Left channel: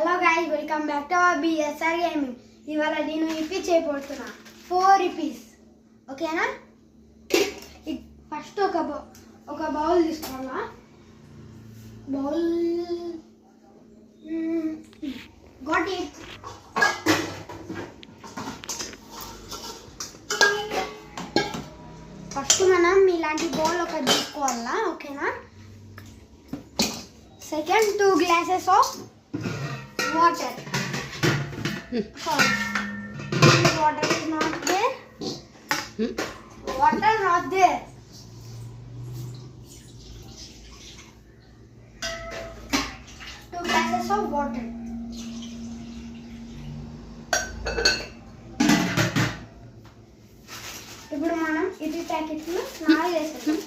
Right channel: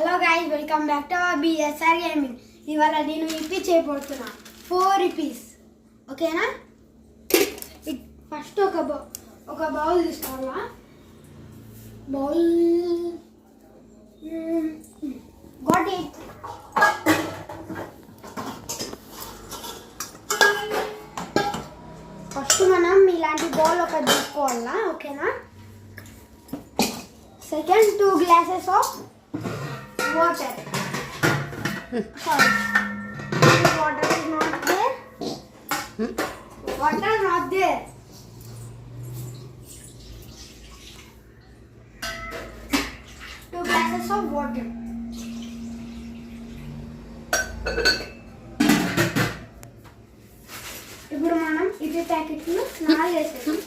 Hello guys, welcome back to our BSR gaming. ఇవాళ నేను ఇప్పి చేయబోతున్నా 4 రూపీస్. ఓకేనా? ఫస్ట్ ఒక బౌల్ తీసుకోవాలా. Bowl got it. ఫస్ట్ మనం ఇలాంటి బౌల్ ఒకటి తీసుకోవాలా. ఓకేనా? Second, 2 glasses of water. Sorry, water is not there. Water not there. 2 glasses of water. ఇప్పుడు మనం ఇది ప్యాకెట్లు 4 వేసేస్తాం.